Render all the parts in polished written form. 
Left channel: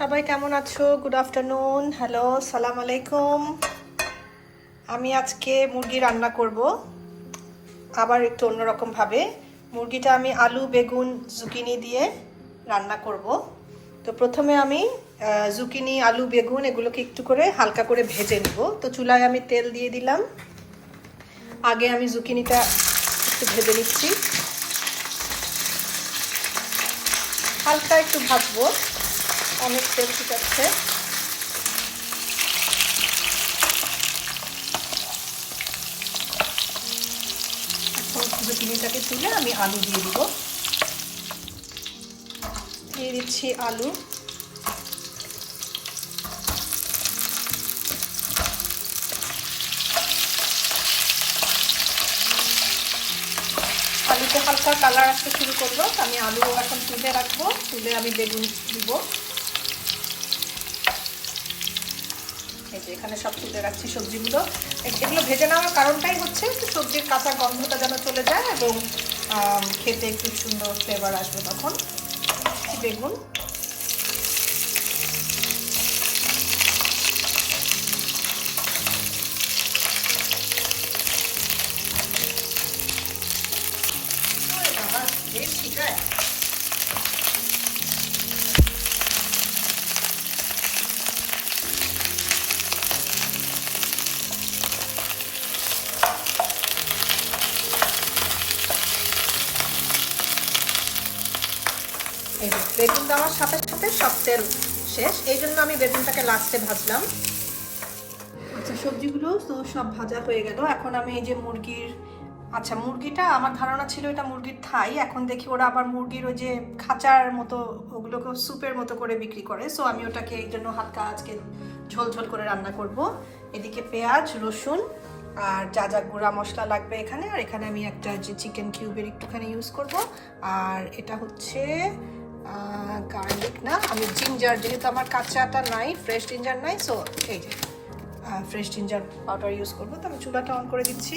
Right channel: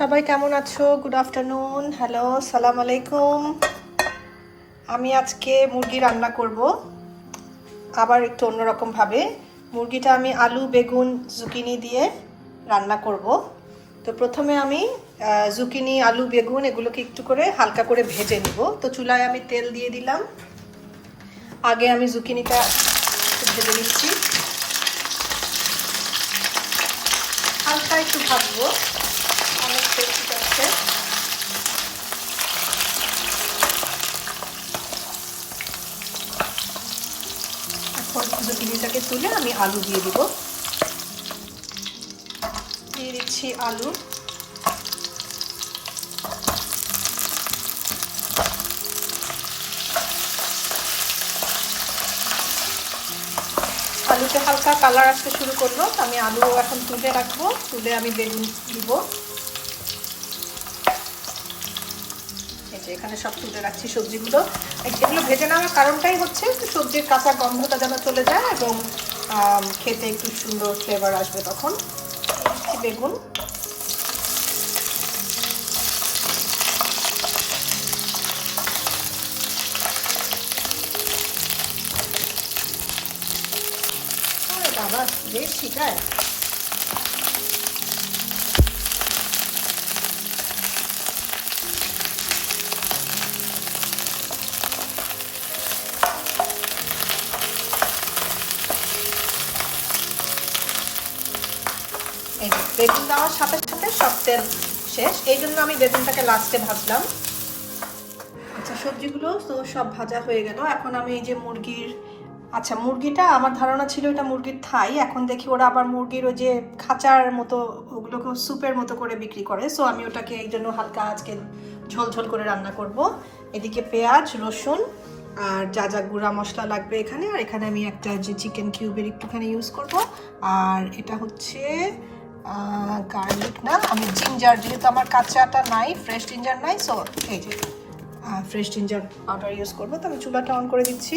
সবাই কেমন আছো? গুড আফটারনুন, হ্যালো, সালাম আলাইকুম। আমি আজকে মুরগি রান্না করব, আবার একটু অন্যরকম ভাবে। মুরগিটা আমি আলু, বেগুন, জুকিনি দিয়ে রান্না করব। তো প্রথমে আমি জুকিনি, আলু, বেগুন এগুলোকে একটু করে হালকা করে ভেজে নিব। তো চুলায় আমি তেল দিয়ে দিলাম। আগে আমি জুকিনিটা একটু ভেজে নিচ্ছি, হালকা একটু ভাজবো, অনেক তেল ফুটাচ্ছে। এখন জুকিনিটাকে তুলে আমি আলু দিয়ে দিব। দিয়ে দিচ্ছি আলু। আলুতে হালকা কালার আসতে শুরু করলো, আমি আলু এখন তুলে রাখবো। তুলে আমি বেগুন দিব। এই যে এখানে সব তুলে রাখছি সবজিগুলো। এগুলো ভেজে নেওয়ার কারণটাই হচ্ছে সবজির কাঁচা গন্ধটা যেন চলে যায় এবং খেতে একটু সুন্দর ফ্লেভার আসবে। তখন বেগুন, বাবা বেশ ছিটায়। এই যে বেগুন দেওয়ার সাথে সাথে সব তেল শেষ, এই জন্য আমি বেগুনটাকে লাস্টে ভাজলাম। আচ্ছা, সবজিগুলো তো সব ভাজা হয়ে গেল। এখন আমি এই যে মুরগিটা আমার ধারণা ছিল এটা মুরগির থাই, এখন দেখি ওরা আবার মুরগির ওই যে খাঁচার মতো ওগুলোকে স্যুপের মতো করে বিক্রি করে। সো আমি ওটাকে এই জন্য হালকা আজকে ঝোল করে রান্না করব। এদিকে পেঁয়াজ, রসুন আর যা যা গুঁড়া মশলা লাগবে এখানে, আর এখানে আমি একটা যে চিকেন কিউবের একটুখানি ইউজ করব। আর এটা হচ্ছে গার্লিক না, আমি জিঞ্জার, যেহেতু আমার কাঁচাটা নাই, ফ্রেশ জিঞ্জার নাই, সো এই যে ফ্রেশ জিঞ্জার পাউডার ইউজ করবো। তো আমি চুলাটা অন করে দিচ্ছি।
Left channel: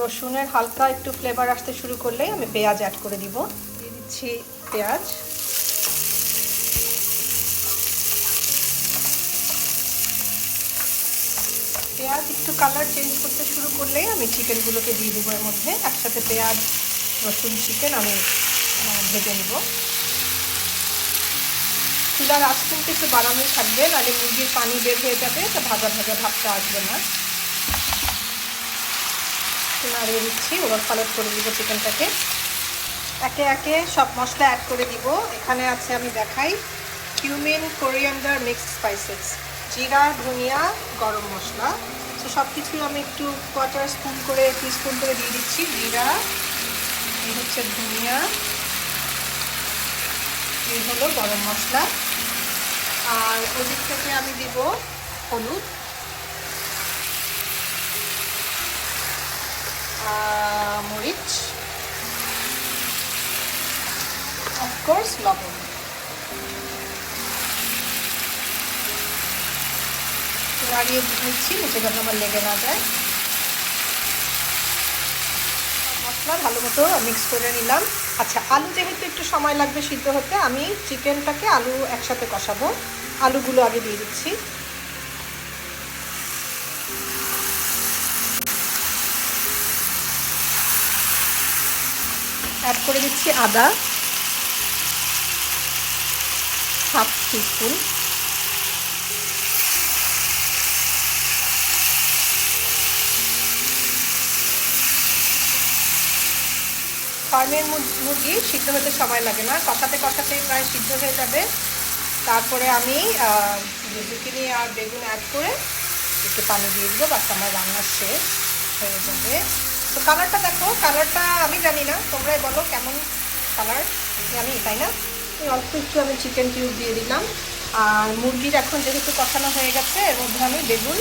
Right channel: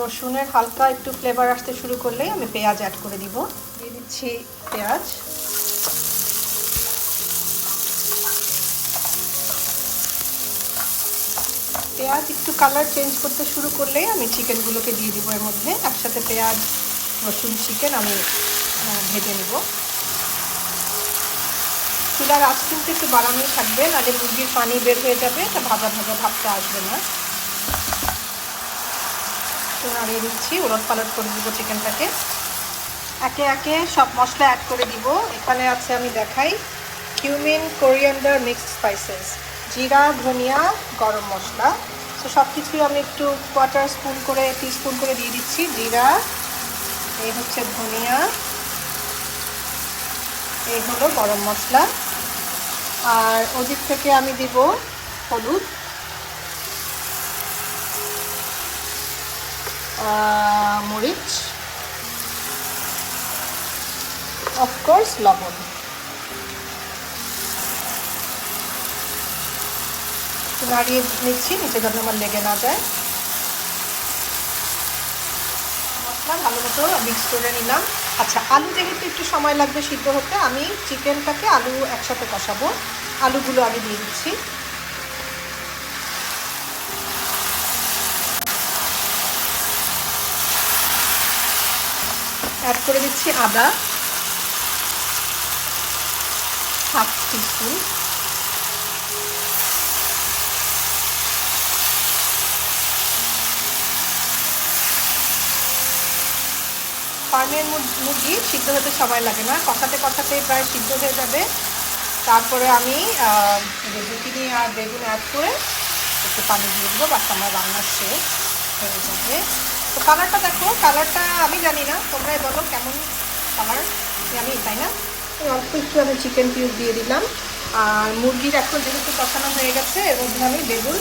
রসুনের হালকা একটু ফ্লেভার আসতে শুরু করলেই আমি পেঁয়াজ অ্যাড করে দিব। দিয়ে দিচ্ছি পেঁয়াজ। পেঁয়াজ একটু কালার চেঞ্জ করতে শুরু করলেই আমি চিকেনগুলোকে দিয়ে দিব এর মধ্যে। একসাথে পেঁয়াজ, রসুন, চিকেন আমি ভেজে নিব। চুলার আঁচ কিন্তু একটু বাড়ানোই থাকবে, নাহলে মুরগির পানি বের হয়ে যাবে, এটা ভাজা ভাজা ভাবটা আসবে না। নাড়িয়ে দিচ্ছি, উলট পালট করে দিব চিকেনটাকে। একে একে সব মশলা অ্যাড করে দিব। এখানে আছে, আমি দেখাই, কিউমিন, কোরিয়ান্ডার, মিক্সড স্পাইসেস, জিরা, ধনিয়া, গরম মশলা। তো সব কিছুই আমি একটু টিস্পুন করে দিয়ে দিচ্ছি। জিরা, এই হচ্ছে ধনিয়া, এই হলো গরম মশলা। আর ওদিক থেকে আমি দিব হলুদ, মরিচ, অফকোর্স লবণ। নাড়িয়ে নিচ্ছি নিচে যেন আমার লেগে না যায়। মশলা ভালো মতো মিক্স করে নিলাম। আচ্ছা, আলু যেহেতু একটু সময় লাগবে সিদ্ধ হতে, আমি চিকেনটাকে আলু একসাথে কষাবো। আলুগুলো আগে দিয়ে দিচ্ছি। অ্যাড করে দিচ্ছি আদা, হাফ টিস্পুন। ফার্মের মুরগি সিদ্ধ হতে সময় লাগে না, কষাতেই প্রায় সিদ্ধ হয়ে যাবে। তারপরে আমি জুকিনি আর বেগুন অ্যাড করে একটু পানি দিয়ে দেবো, বাস আমার রান্না শেষ হয়ে যাবে। তো কালারটা দেখো, কালারটা আমি জানি না, তোমরাই বলো কেমন কালার। আমি তাই না, অল্প একটু আমি চিকেন কিউব দিয়ে দিলাম। আর মুরগির এখন যেহেতু কষানো হয়ে গেছে, এর মধ্যে আমি বেগুন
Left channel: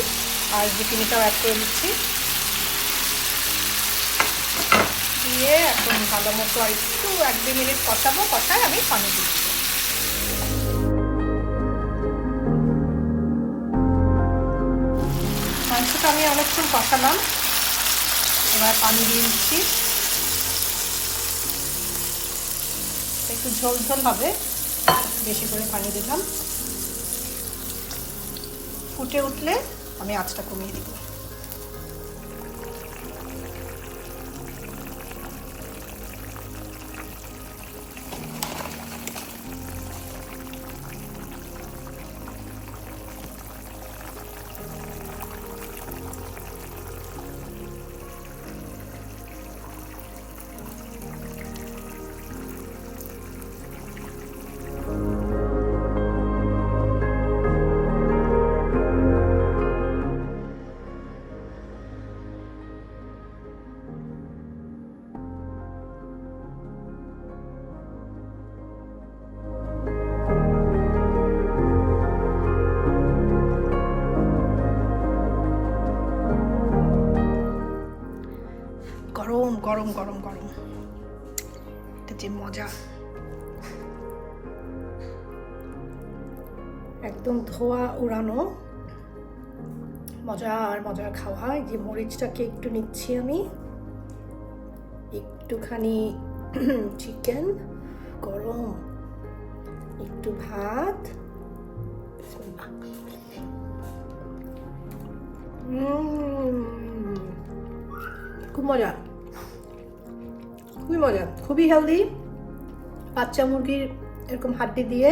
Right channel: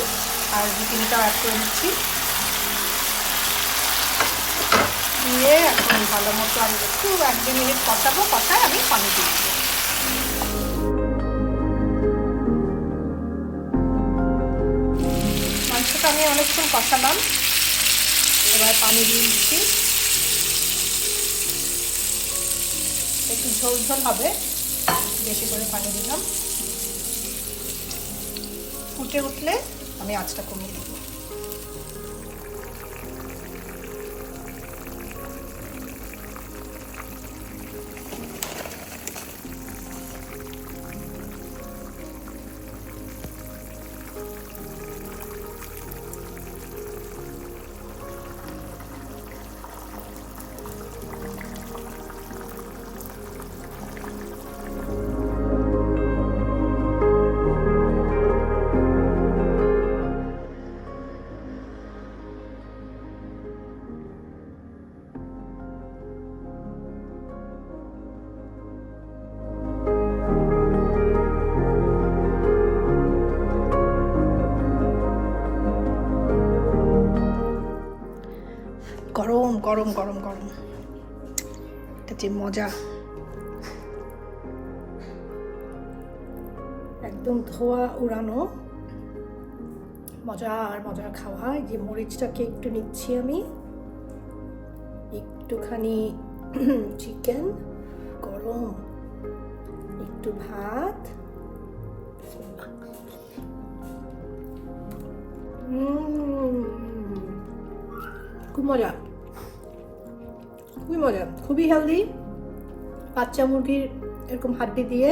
আর জুকিনিটাও অ্যাড করে দিচ্ছি। দিয়ে এখন ভালো মতো আর একটু 1-2 মিনিট কষাবো। কষায় আমি পানি দিয়ে দিব। মাংসটা আমি অনেকক্ষণ কষালাম, এবার পানি দিয়ে দিচ্ছি। একটু ঝোল ঝোল হবে, একটু বেশি করে পানি দিলাম। ফুটে উঠলে আমি আঁচটা কমিয়ে দিব। গরম গরম গরম গরম, এটা যে মজা, একদম ধোয়া উড়ানো মজার মজার খাওয়া। এই যে মরিচটাকে একটু নিচ্ছি আমি, একটুখানি চিকেন গরম, একটু ভাত, খুব মজা, খুবই মজা, খুবই হেলদি। বাচ্চা মুরগির এরকম হাড্ডি দিয়ে,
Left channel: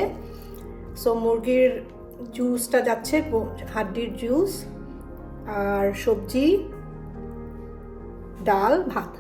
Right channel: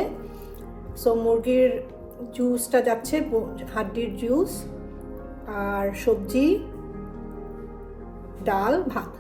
সো মুরগির জুসটা যাচ্ছে, হাড্ডির জুস, আর সবজি, ডাল, ভাত।